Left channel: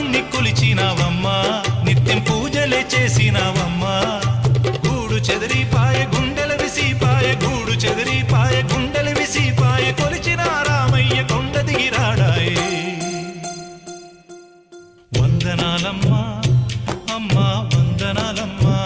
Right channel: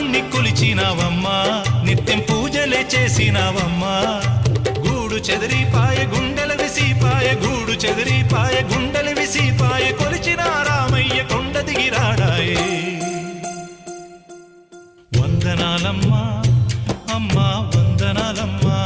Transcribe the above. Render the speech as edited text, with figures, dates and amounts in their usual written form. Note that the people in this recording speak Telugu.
రాముణ్ణి కొలిచినావమ్మా నిత్యం పూజలే చేసినావమ్మా గూడు చెదిరిపాయ గుండెల విసిపాయ గూడు చెదిరిపాయ గుండెల విసిపాయ కొలిచిన రామయ్య కొండ దిగిరాడాయే వందనాలమ్మా అమ్మా వందనాలమ్మా